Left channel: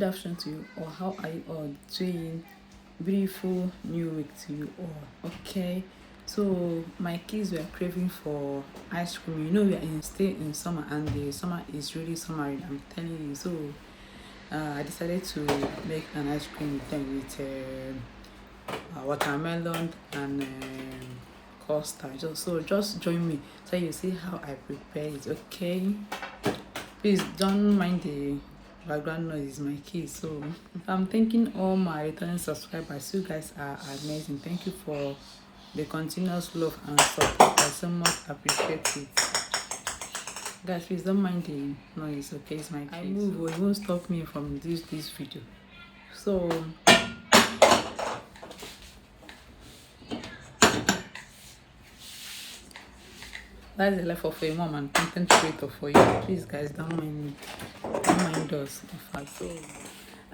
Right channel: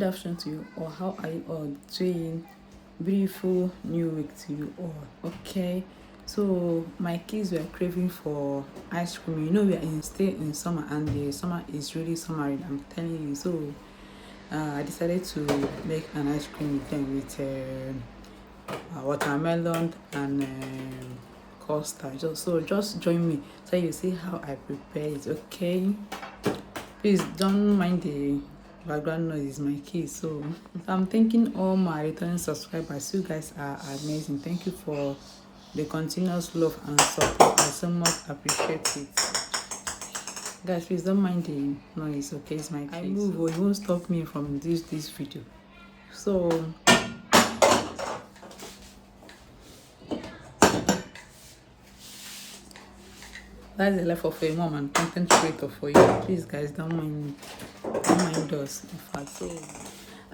good afternoon to you, or how are you all doing? Beautiful new week to you all. Okay, so my kids were craving for ice cream. You know, we are still in summer, and the summer is really summery, I'm telling you. So I decided to make an ice cream with them with watermelon and custard. So just join me so you see how I prepare it. Okay, please don't mind the background noise, my kids. So I'm thanking all my returning subscribers. You guys are amazing. Thank you for the continuous love and support. I so much appreciate it. Guys, please don't mind the noise, okay? It's my kids. I move or it won't stop me from this video. So that's the life of a mom and content creator for you. Please guys, don't mind me. Don't mind us, in fact. So,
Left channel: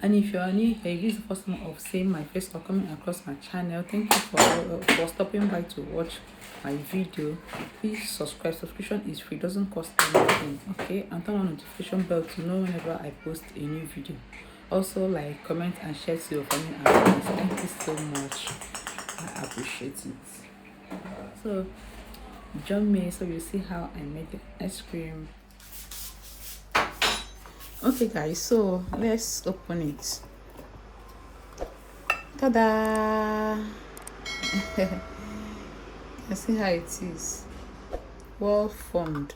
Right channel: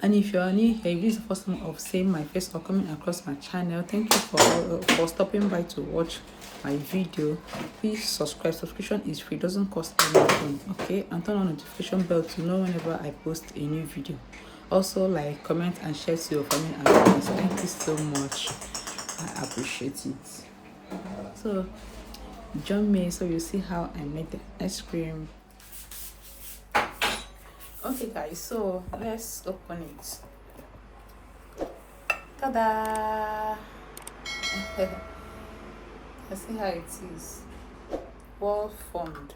and if you are new here, if this is the first time of seeing my face or coming across my channel, thank you for stopping by to watch my video. Please subscribe. Subscription is free, doesn't cost anything, okay? And turn on notification bell to know whenever I post a new video. Also, like, comment and share to your family and friends. Thank you so much. I appreciate it. So join me so you see how I make the ice cream. Okay guys, so let's open it. Ta-da! You see how it is, well formed.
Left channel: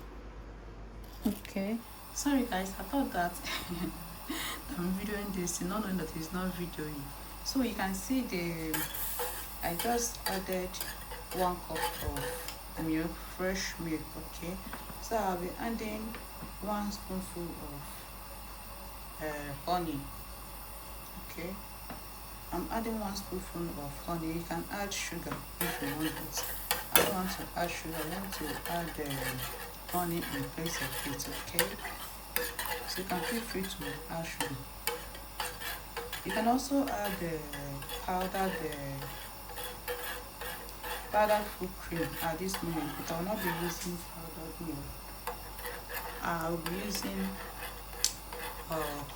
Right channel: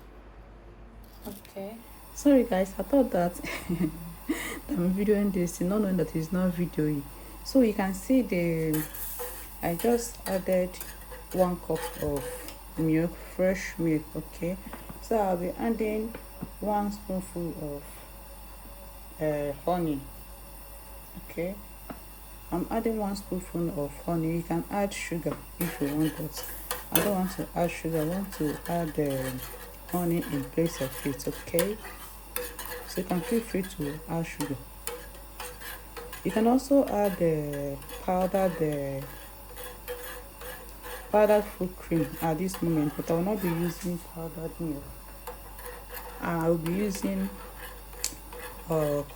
Okay, sorry guys, I thought that I'm videoing this, not knowing that it's not videoing. So you can see I just added 1 cup of milk, fresh milk. Okay, so I'll be adding 1 spoonful of honey. Okay, I'm adding 1 spoonful of honey. You can add sugar if you want, but I don't want to add sugar. I want to add honey in place of it. Okay, so you can feel free to add sugar. You can also add the powdered fruit cream at this moment, but I will not be using powdered milk. I will be using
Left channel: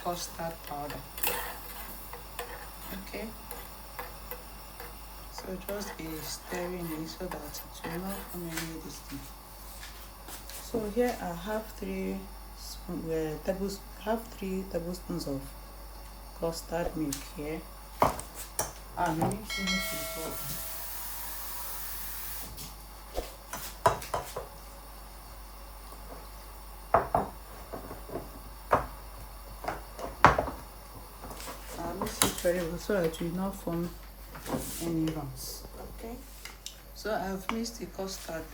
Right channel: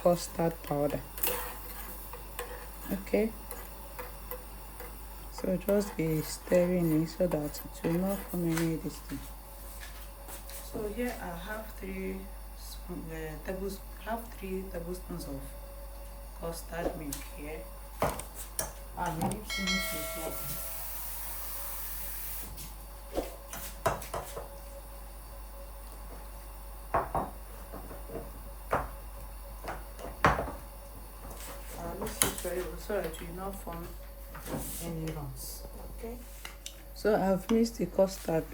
custard powder. Okay, so just be stirring it so that it will not form any distance. So here I have 3 tablespoons of custard milk here. I need to mix it up. Very well so that it will not form any lumps. Okay, so I've mixed the custard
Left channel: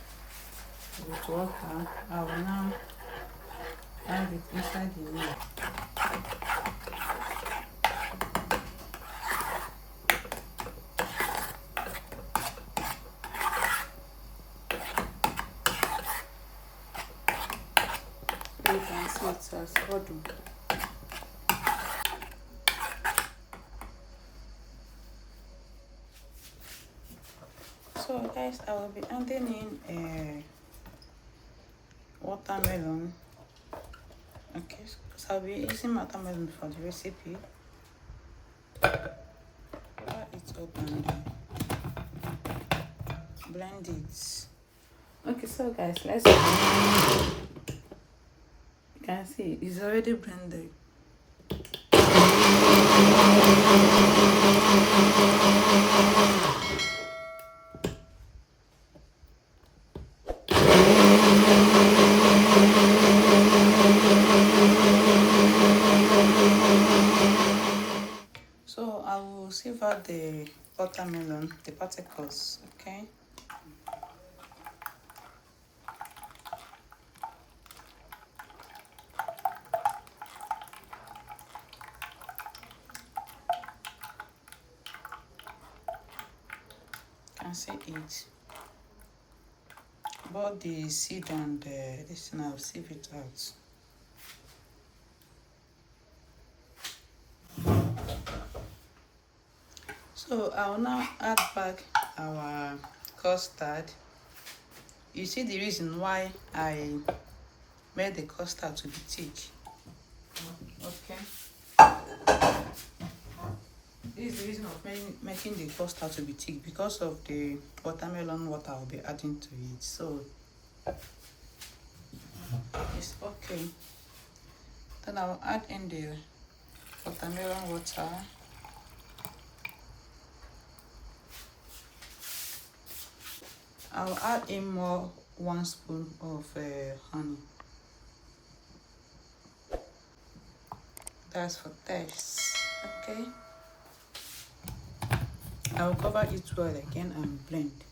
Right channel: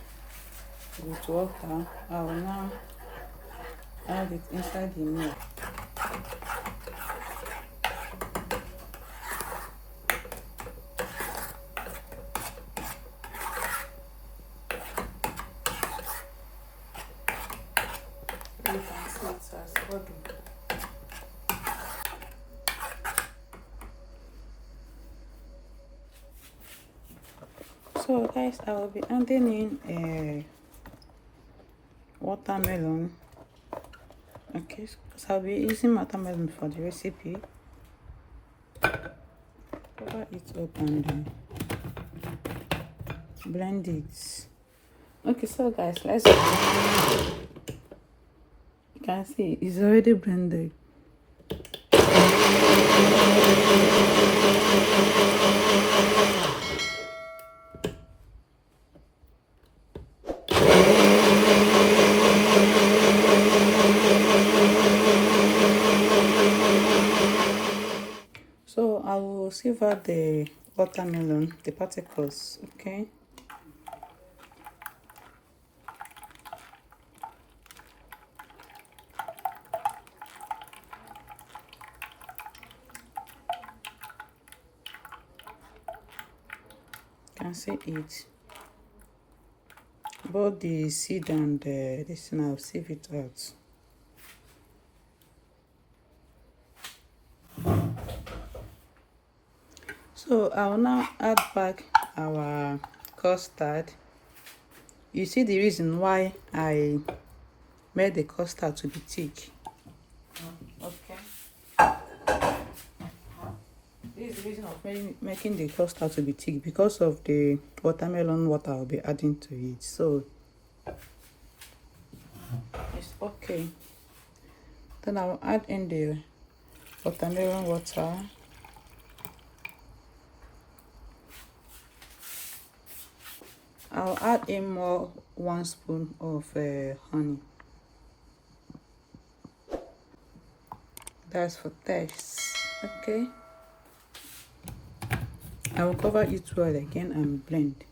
with water. I will now add it inside the milk. You can see it has boiled. So guys, I will be adding in a watermelon. Okay, so I'll be using watermelon for the recipe. Cover it up and blend it. Okay, so guys, let's you can see it's already blended. So I will sieve out the watermelon, the particles. Okay. Can see it. Both the seed and this thing, I'll sieve it out. So I will now add back our custard. You see the reason why I made the custard to be thick. Okay. This is the reason of making the custard to be thick, because of the watermelon water I'll be adding to it. So it's okay. Then I'll add in the watermelon water. I'll add in more 1 spoon of honey. That's for taste. Okay. I'll cover it well again and blend.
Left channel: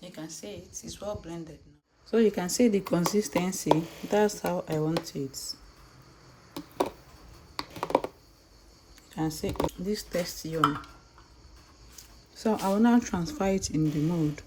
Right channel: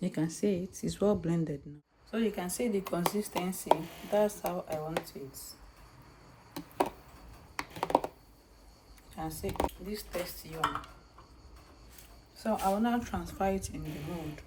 You can see it is well blended now. So you can see the consistency. That's how I want it. You can see this tasty one. So I will now transfer it in the mold.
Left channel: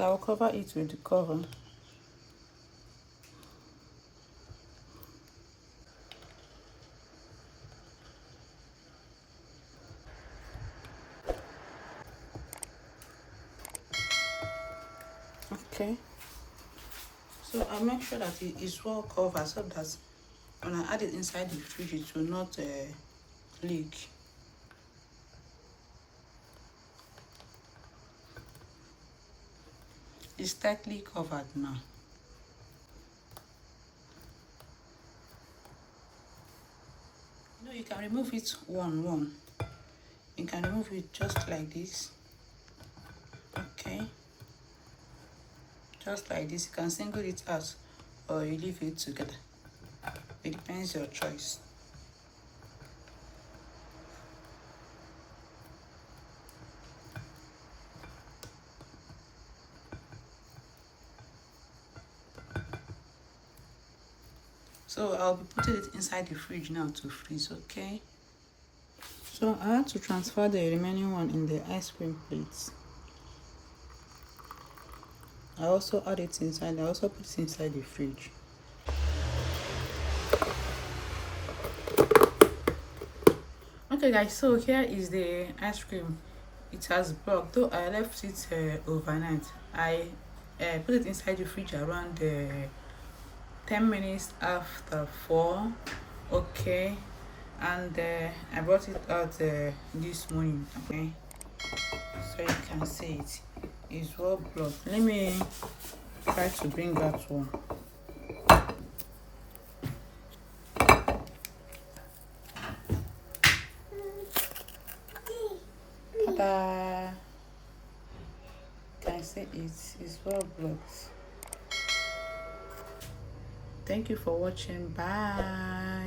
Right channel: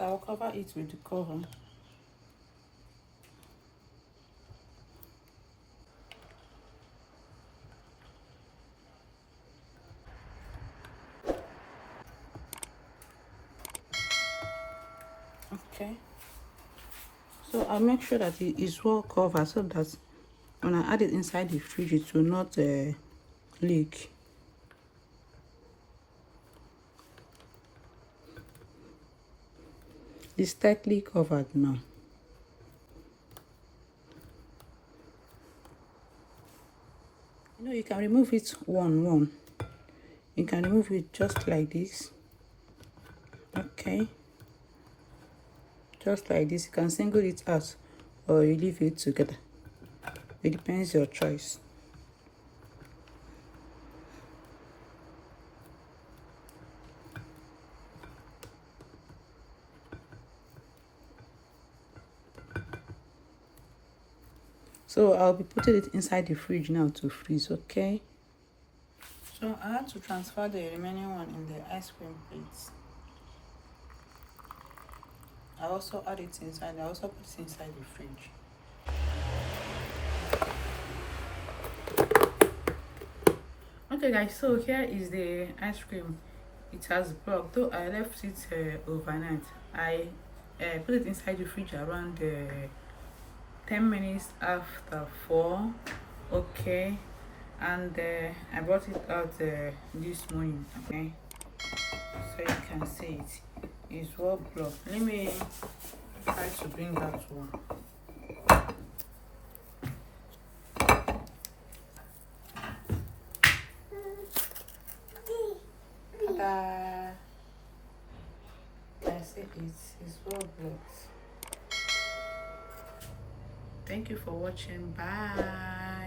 I will cover it with the cover. Okay. So I'll make sure that it is well covered so that when I add it inside the fridge, it will not leak. It's tightly covered now. You can remove it one. You can remove it just like this. Okay. Just like this. You can single it out or you leave it together. It depends your choice. So I'll be putting it inside the fridge now to freeze, okay? So I have to transfer the remaining one in the ice cream plates. I also add it inside. I also put it inside the fridge. Okay guys, so here is the ice cream. It has broke, though I left it overnight. I put it inside the fridge around 10 minutes after 4. Okay, and I brought it out this morning. Okay, so you can see it is well blocked. Let me try to bring that one. Can see it is well blocked. Thank you for watching. Bye.